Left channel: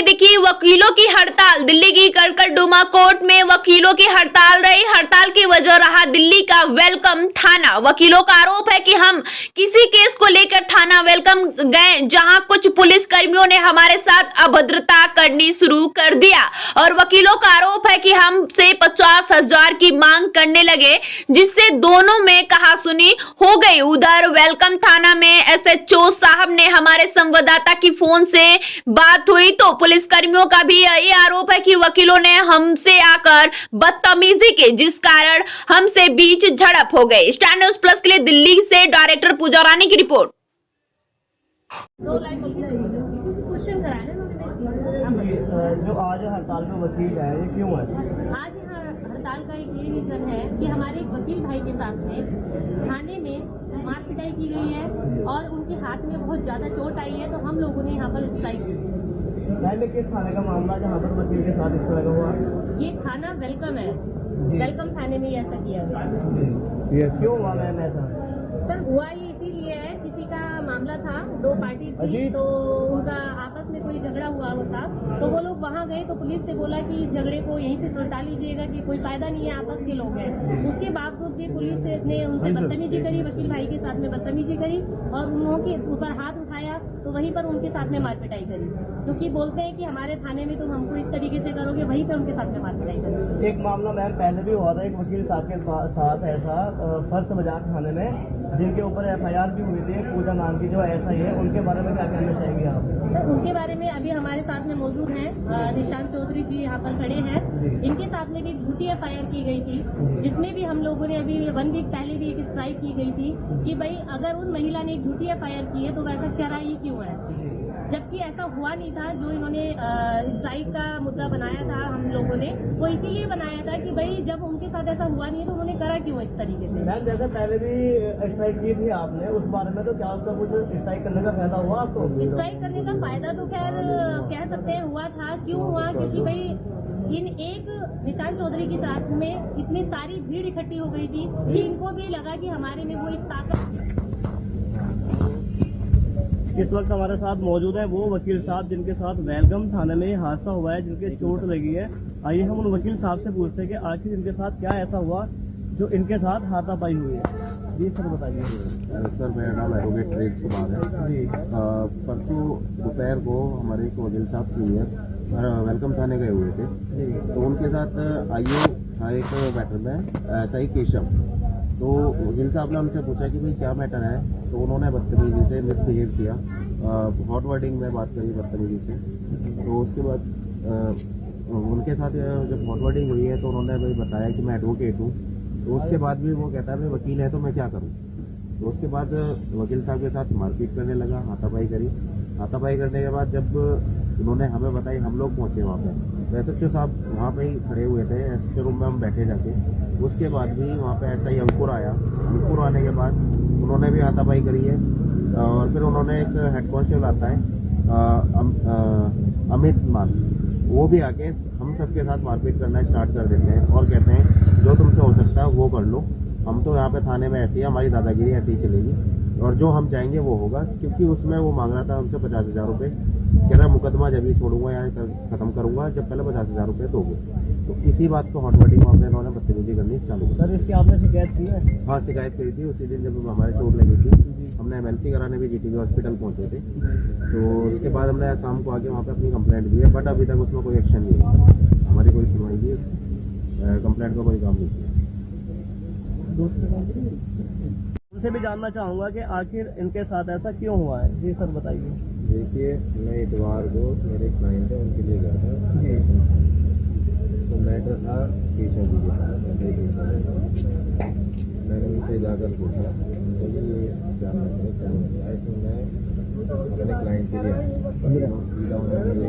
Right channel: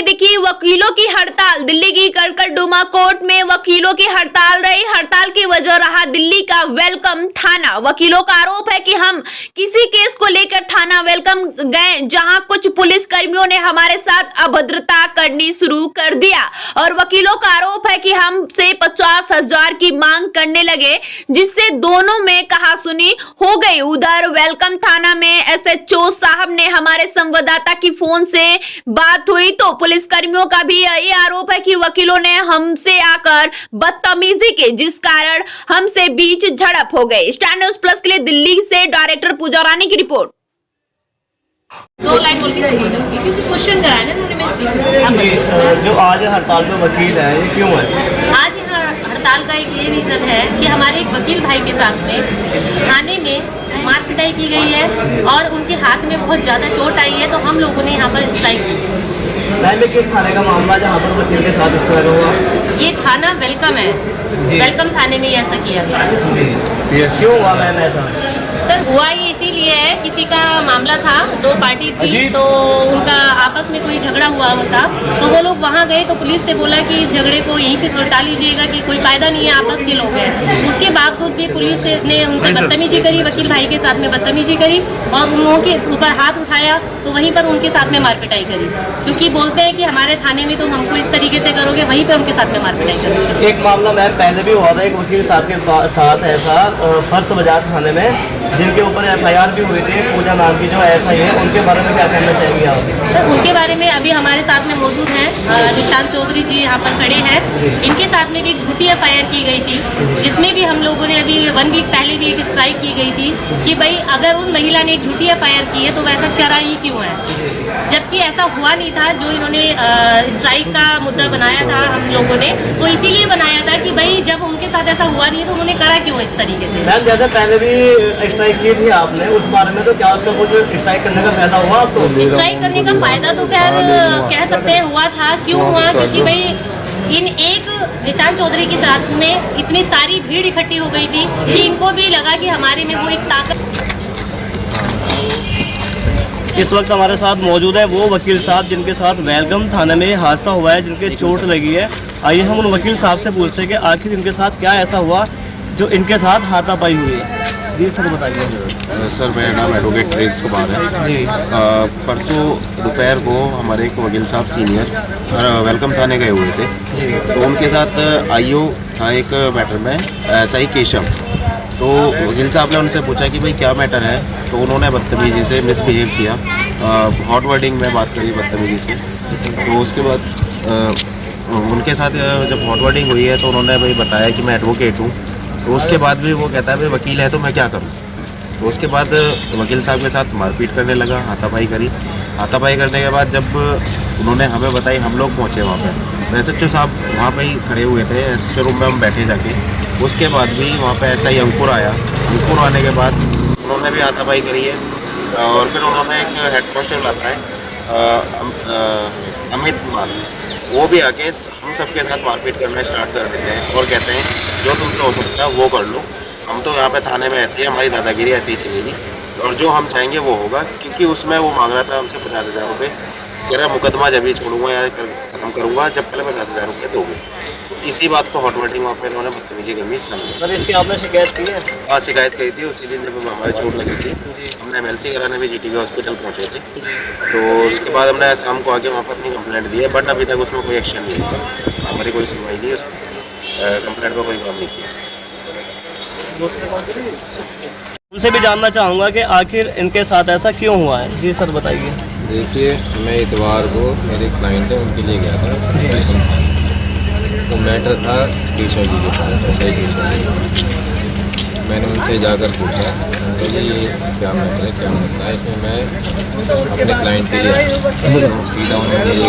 में दिखी वकीलों की हड़ताल। दिल्ली की कड़कड़डुमा कोर्ट में वकीलों की हड़ताल रही। हड़ताल की वजह रहा दिल्ली का वेलकम थाना। वकीलों का आरोप है कि हम किसी केस को लेकर थाना वेलकम गए, जहां कुछ पुलिस कर्मियों ने हमारे साथ अभद्रता करनी शुरू कर दिया और वकीलों का आरोप है कि हमसे 50,000 की मांग करने लगे, जिससे दोनों में कहासुनी हो गई। उधर वेलकम थाना में एसएचओ साहब ने हमारे संवाददाता की फोन से बात हुई तो पुलिस कर्मियों का भी यही आरोप है कि वकीलों ने हमसे आकर बदतमीजी की, जिस कारण हमसे बीच झड़प हो गई। स्टार न्यूज़ प्लस के लिए दिल्ली से डायरेक्टर पूजा रानी की रिपोर्ट। दो लाइन बोल के चली जाऊंगी क्योंकि क्वेश्चन कराया ना उन्होंने। जो आज हड़ताल में वकील है ये क्यों है? आज यहाँ हड़ताल का एक ये रीजन है कि हमारे एक वकील भाई के साथ में थाने में मार पिटाई की गई है और उनके हाथ में बहुत ज़्यादा चोट आई है, तो हम लोगों ने यहाँ पर स्ट्राइक की। किस थाने का मामला जहाँ पर वकील के साथ इस तरह का हुआ? ये थाना वेलकम है, वेलकम थाने में ऐसा किया गया। क्यों हुआ मैम ऐसा? सर हुआ ये इसीलिए है, किसी का मामला था, दो पार्टी थी तो उनका आपस में कोई झगड़ा हुआ था, तो वो लोग वहाँ गए तो पुलिस से बोला कि इस झगड़े को यहीं पे सुलटा लीजिएगा कि कोई फायदा नहीं है, आपस के लोग हैं। उसके बावजूद भी पुलिस ने उनसे बदतमीजी करी, वकील भाई के साथ में बदतमीजी करी और उन लोगों के ऊपर हाथ उठाया, तो वहीं पर उनके साथ में मारपिटाई करी, क्योंकि बोलते हैं कि हमारे थाने में तुम हमको इस तरीके से करोगे, वहीं पर उनके साथ में मारपिटाई करोगे। एक मामला मैम पहले भी हुआ था एक वकील साहब के साथ ऐसा फर्श बाजार थाने में, जिनके ऊपर एफआईआर भी हुई थी, पूजा नाम की जो ऐसा ही है, उनके बारे में क्या कहना चाहेंगे आप? सर उनके बारे में अभी हमारे साथ में मौजूद हैं निशांत चौधरी जी यहाँ पर खड़े हैं। इनके साथ में भी एक झूठी एफआईआर की गई थी, जिसमें भी हम लोगों ने अभी 1 वीक पहले भी एक स्ट्राइक की गई थी कि भाई अगर उस महिला ने एक झूठी एफआईआर की है तो वैसा करा ही क्यों है, जबकि ऐसा हुआ नहीं था। जो इन्होंने स्ट्राइक का मुद्दा बनाया था हम लोगों ने, वो इसीलिए बनाया था कि भाई जब उनके साथ ऐसा हुआ नहीं तो उन्होंने करा क्यों इस तरीके से। मैम जैसे पहले भी स्ट्राइक की थी आपने, उस बारे में तो क्या आपका कुछ स्ट्राइक करने का फायदा हुआ आपको? स्ट्राइक करने का फायदा तो खैर कह सकते हैं हुआ था। क्यों हुआ? क्योंकि भाई इन एक निशांत चौधरी के साथ में इतनी सारी भीड़ इकट्ठी हो गई थी कि इनको भी लगा कि हमारे में वो एक ताकत। इस वक्त हमारे साथ मौजूद है वो वकील साहब जिनके साथ वेलकम थाने में हादसा हुआ है, जिनके चोट लगी है। आइए हम उन वकील साहब से पूछते हैं कि आखिर इनके साथ क्या ऐसा हुआ जो इनके साथ हाथापाई हुई है। जी सर बताइए। सर मेरा नाम एडवोकेट प्रिंस कुमार है। परसों दोपहर को हमारे एक वकील साहब सीनियर वेलकम थाने गए हुए थे, तो उनके साथ आईओ था एक मैटर में, ऐसा ही केशव। तो वकील साहब ने उनसे पूछा कि भाई क्या मैटर है, तो उन्होंने बदतमीजी से मिसबिहेव किया, हॉट वर्डिंग में बात करी बदतमीजी से। तो उसके बाद उनके साथ जब हॉट वर्डिंग हुई है तो उन्होंने भाई बताया कि मैं एडवोकेट हूँ, तो उसके बाद भी वो कहता है भाई वकील है तो मैं क्या करूँ। तो उसके बाद वकील साहब के साथ मारपीट करने लगा, हाथापाई करी। हाथापाई करने के बाद जब उन्होंने हमें बताई, हम लोग पहुँचे वहाँ पर, एसएचओ साहब वहाँ पर ही खड़े हुए थे, एसएचओ रूम में हम बैठे जाके। उसके बाद भी वहाँ पे ऐसा ही अंकुर आया। अंकुर आने के बाद उन्होंने भी हाथापाई करी है और फिर उन्होंने एक हेड कांस्टेबल आता है अमित कुमार, वो भी आके हम सबके साथ मारपीट करना स्टार्ट कर देते हैं और कहते हैं जो तुमसे हो सकता है वो कर लो, हम तो यहाँ पे थाने में ऐसे ही, हमारी दादागिरी ऐसे ही चलेगी और जो हम चाहेंगे वो होगा। क्योंकि उसमें वो मांग रहा था हमसे 50,000 रुपये, कह रहा मुकदमा जब ही छोड़ूंगा या ख़त्म करूँगा जब पहले 50,000 रुपये दोगे। इसी बात को हॉट वर्डिंग वहाँ पर इन्होंने बदतमीजी करनी चालू की। सर इसकी आपने शिकायत की है? हाँ शिकायत करी थी उसी दिन जब हमारी चोट लगी थी। हमने एमएलसी कराने भी जीटीबी हॉस्पिटल पहुँचे थे, तो उसके बाद हमने शाम को आके वहाँ पर अपनी कंप्लेंट दी है, बट अभी तक उसमें कोई एक्शन नहीं है, हमारी कोई सुनवाई नहीं है, उसमें कंप्लेंट पर कोई काम नहीं किया। उनसे भी जानना चाहूँगा कि आखिर इनके साथ ऐसा क्यों हुआ है। जी सर बताइए। देखिए मैं इतवार को मेरे क्लाइंट है उनके लिए गया था, तो मैटर था केशव जी के साथ, ऐसा ही केशव जी। मैंने उनसे जाकर पूछा कि ये क्या मैटर है, क्या मसला है। इसमें मैं अपने क्लाइंट के लिए सीधा उन्होंने ये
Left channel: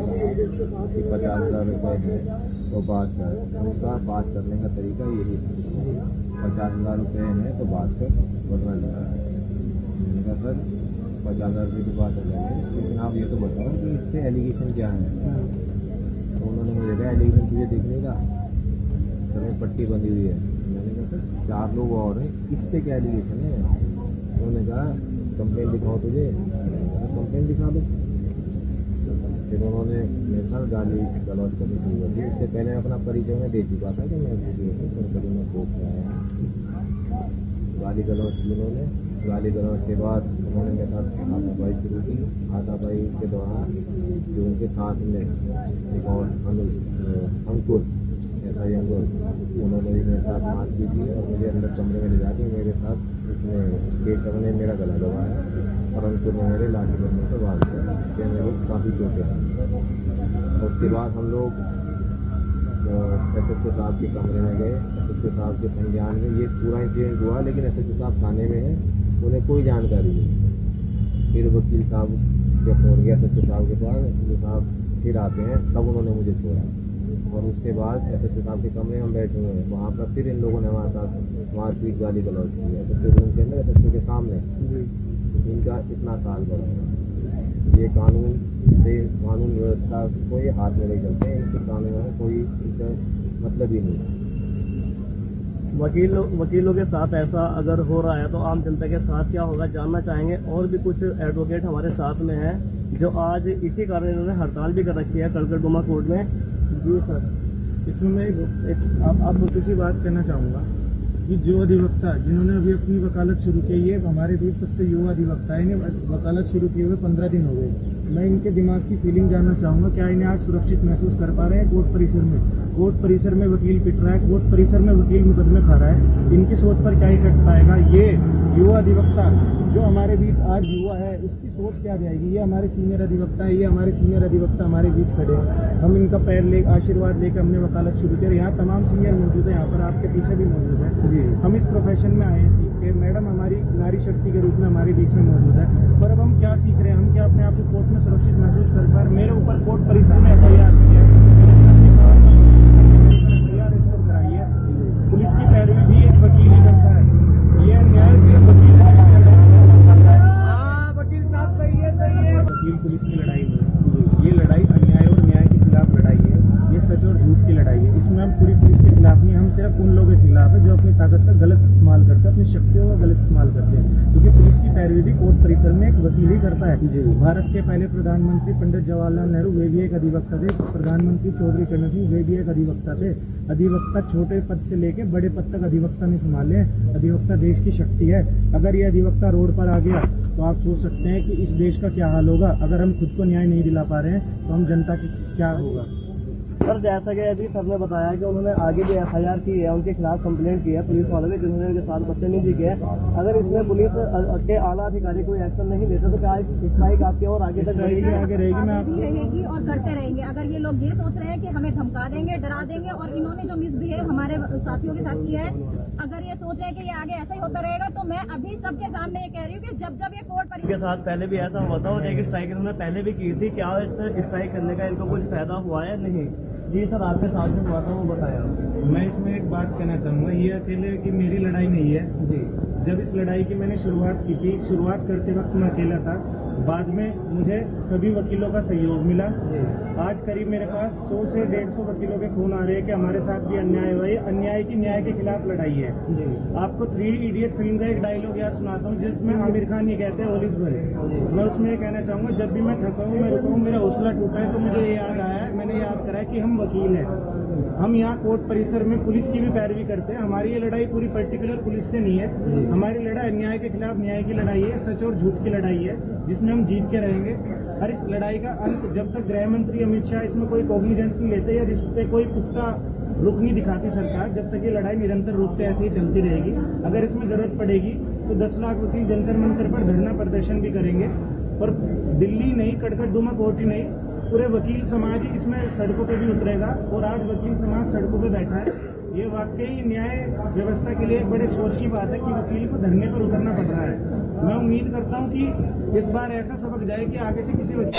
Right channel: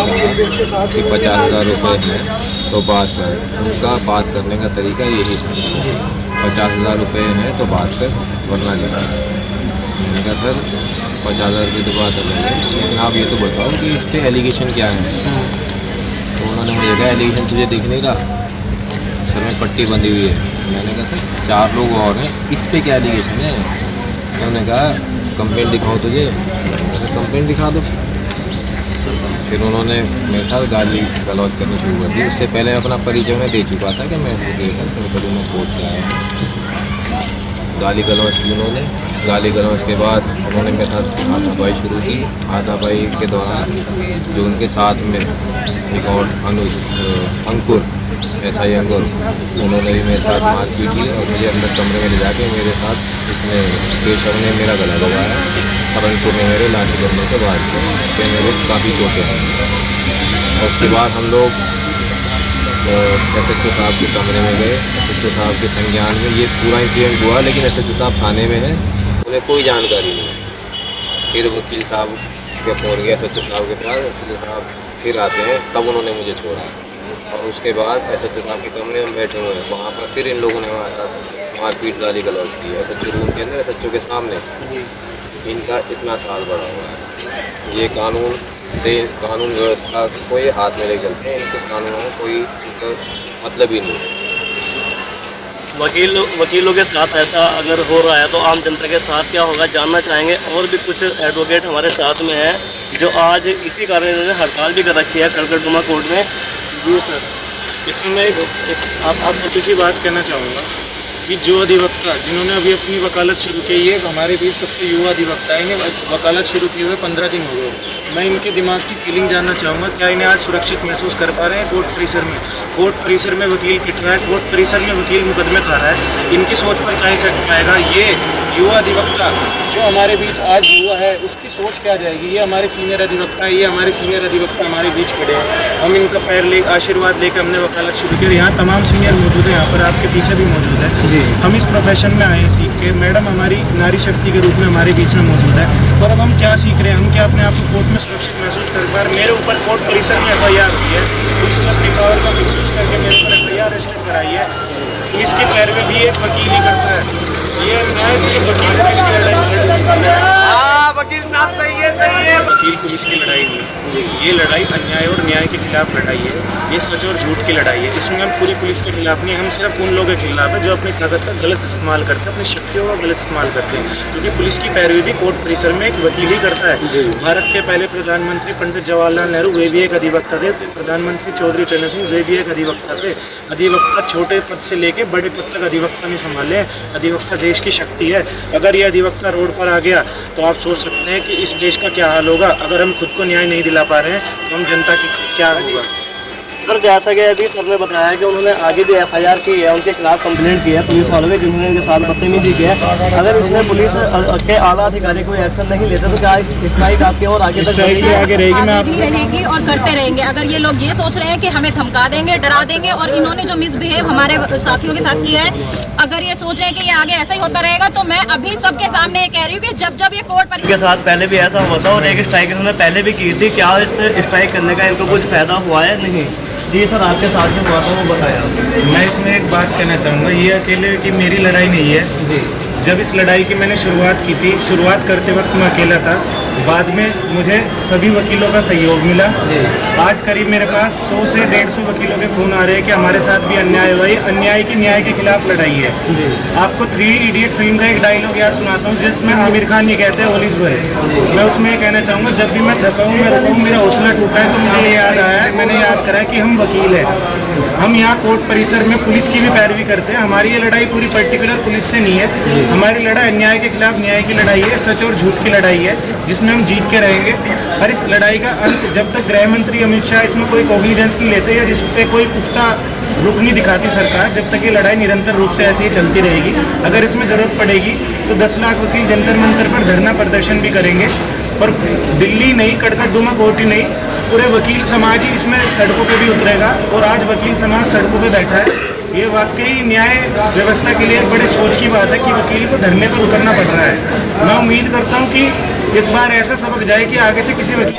कहा कि 50,000 रुपये हैं तो बात कर। उनका बात करने का तरीका यही था, 50,000 रुपये हैं तो बात कर वरना नहीं। मैंने कहा सर 50,000 रुपये तो बात अलग है, लेकिन आप ये तो बताओ कि इस पर एलिगेशन क्या है। तो उन्होंने मुझे कहा एलिगेशन तुझे दिखने का, सर में पट्टी बंधी हुई है। मैंने कहा सर 4 लोग और हैं, इस पे क्या एलिगेशन है। उन्होंने कहा कंप्लेंट दिखाओ तुझे, कंप्लेंट दिखा दो। फिर उन्होंने मेरे साथ गाली गलौज करनी शुरू कर दी। उससे पहले अपना परिचय उन्हें दे चुका था कि मैं मैं कोर्ट से आया हूँ। गाली गलौज की उन्होंने। गाली गलौज के बाद उन्होंने मेरे साथ हाथापाई शुरू की। हाथापाई के दौरान जो उनके साथ में एक और अंकुर SI अंकुर, उन्होंने भी मेरे साथ मारपीट की और मुझे अंदर कमरे में ले जाके मेरे साथ इसने केशव ने मेरा गला लगाया और अंकुर ने मेरे लाठी डंडों से वार किया। इसके मेरे काफ़ी चोटें हैं। और उसके बाद हम लोग SHO साहब के कमरे में गए। SHO साहब के संज्ञान में ये पूरा इंसिडेंट हुआ, लेकिन SHO साहब थाने में हैं, उन्हें कोई जानकारी नहीं। फिर वकील साहब के फ़ोन गया SHO साहब के पास। SHO साहब फिर आते हैं, तब उन्होंने मुझे छोड़ा। और उसके बाद SHO साहब के कमरे में बैठे हुए हैं, वहाँ पर फिर इन लोगों ने मारपीट गाली गलौज की। SHO रूम के अंदर SHO के सामने। इनका इतना साल बढ़ा हुआ है। ये कानून व्यवस्था को ये हाथ में ले चलते हैं। इनके कानून में कोई इनका मतलब ही नहीं है। वकीलों के साथ ऐसा अगर हो रहा है तो आम जनता के साथ क्या होगा, जानना चाहेंगे। और भी कुछ एडवोकेट हमारे साथ में हैं जो आज इसी कारण इन्होंने हड़ताल भी कर रखी है खड़गड़डुमा कोर्ट में। जी सर, इसमें मैं आप छोटी सी बात कहना चाहूँगा कि जो अधिवक्ता जिन्होंने अभी अपनी वकालत शुरू की, ये हमारे बीच सबसे युवा अधिवक्ता है। इन्हें वकालत शुरू किए हुए 15 दिन हो गए। मैं इनके दिमाग की फीलिंग जानना चाहूँगा, क्या इन्हें आज सुरक्षित महसूस कर पा रहे हैं कोर्ट परिसर में? कोर्ट परिसर में वकील पिट रहा है, कोर्ट परिसर में वकील मुकदमे खा रहा है। इनकी सोच पर क्या इफेक्ट पाएगा? ये युवा अधिवक्ता जो हमारे बीच आज युवा है, उसकी सोच क्या जाएगी? ये हमारे सीनियर अधिवक्ता है, ये हमारे सीनियर अधिवक्ता हमारे बीच खड़े हैं। हम इनका पैर आशीर्वाद लेकर हमने वकालत शुरू की। यहाँ तमाम सीनियर मौजूद है, यहाँ पर आपके पीछे भी मौजूद है। हम इस प्रोफेशन में आए हैं सीख के। मैडम हमारी नारी शक्ति के रूप में हमारे बीच में मौजूद है। और अब हम क्या सीख रहे हैं? हम क्या अपने आप को कोर्ट में सुरक्षित महसूस कर पा रहे? मेरे ऊपर कोर्ट परिसर में FIR हुई है। पुलिस ने अपनी पावर का मिसयूज करके मेरे ऊपर FIR रजिस्टर कराई है। पुलिस के पैर में भी एक वकील ही करता है। ये न्याय सिर्फ वकील पुलिस की लड़ाई वकील साहब सही है। वकील पुलिस की लड़ाई नहीं, ये लड़ाई अन्याय और न्याय के खिलाफ लड़ाई है। ये सच और झूठ की लड़ाई है। इसमें हम पूरी पुलिस के खिलाफ नहीं, हम सिर्फ उन लोगों के खिलाफ है जो अपनी ताकत का गलत इस्तेमाल करते हैं, अपनी शक्तियों का गलत इस्तेमाल करते हैं। क्योंकि पुलिस की पैरवी भी कोर्ट परिसर में एक वकील ही करता है। भारत के पहले प्रधानमंत्री पंडित जवाहरलाल नेहरू, वे भी एक अधिवक्ता थे। प्रधानमंत्री चौधरी चरण सिंह, वे भी एक अधिवक्ता थे। अधिवक्ता छोटे पद से लेकर बड़े पद तक अधिवक्ता नहीं संभाले। अधिवक्ता देश की शक्ति है। अगर ये अधिवक्ता रोड पर आ गया तो आप सोच सकते हैं कि इस देश का क्या हाल होगा। अगर हम खुद को न्याय नहीं दिला पा रहे हैं तो हम जनता की क्या होगा? सर, जैसा कि अभी सर ने बताया कि उन्होंने आगे भी FIR की है, उनके खिलाफ कंप्लेंट की है पुलिस वालों ने, जिन्होंने इनके साथ बदतमीजी की है। अगर इसमें पुलिस के आला अधिकारी कोई एक्शन नहीं लेते तो क्या स्ट्राइक आपके और आगे आगे रहेगी? मैं आगे भी रहेगी और करते रहेंगे। अगर ये लोग ये सोच रहे हैं कि हमें धमका देंगे, डरा देंगे, और इन्होंने जो मिसबिहेव हमारे साथियों के साथ किया है, अगर ये सोच रहे हैं कि ये आगे ऐसा ही होता रहेगा, तो मैं अभी सबके सामने ये कह रही हूँ कि जब ये कोर्ट पर के साथ पहले भी ऐसा हुआ था और एक स्ट्राइक इन्होंने पहले भी की थी। क्या इस स्ट्राइक करने का इनको कुछ फायदा हुआ है? नहीं। जी सर, आपके साथ जो हुआ था वो बताया। मैं इसमें एक बात कहना चाहूँगा, ये अकेले की मेरी लड़ाई नहीं है। जब इस लड़ाई की मैंने शुरुआत की थी, शुरुआत करते वक्त मैं अकेला था। बाद में मुझे सभी वकीलों का सहयोग मिला। आज करीब मेरे पास 100 से 150 वकीलों के फ़ोन आ रहे हैं कि हमारे साथ भी अन्याय हुआ है। अन्याय की न्याय के खिलाफ लड़ाई है। आपको 3 इडियट फिल्म का एक डायलॉग याद सुनाता हूँ, जिसमें आमिर खान ये कहते हैं ऑल इज वेल। मैं उसमें ये कहना चाहूँगा, जब भी मैं थका हूँ, मेरा हौसला टूटा है, तो मुझे ये याद आया है, मैंने याद करा कि हम वकील हैं। हम यहाँ कोर्ट परिसर में पुलिस की भी पैरवी करते हैं। हमारी ये लड़ाई पूरी पर्टिकुलर पुलिस से नहीं है। हमारी लड़ाई अन्याय के खिलाफ न्याय की लड़ाई है, सच और झूठ की लड़ाई है, जिसमें हम जीत के रहेंगे। और इस लड़ाई का अंत जब तक गृह मंत्री अमित शाह इसमें कोई कॉग्निजेंस नहीं लेते या जिस पे कोई पुख्ता रुख नहीं दिखाती सरकार, जब तक ये लड़ाई निरंतर रूप से ऐसे ही चलती रहेगी। अगर इसमें ज़रूरत पड़ेगी तो 10 लाख वकील जंतर मंतर पर धरना प्रदर्शन भी करेंगे। और दिल्ली नहीं, खड़गड़डुमा कोर्ट ही नहीं, पूरे वकील समाज ही इसमें सड़कों पे भी उतरेगा। और आज वकील समाज सड़कों पे बैठा है। ये वाकई न्याय व्यवस्था के लिए एक बड़े सोच की बात है कि वकील को धरने पर उतरना पड़ रहा है। मैं उम्मीद करता हूँ कि इस बार ऐसा सबक जाए कि आगे से किसी वकील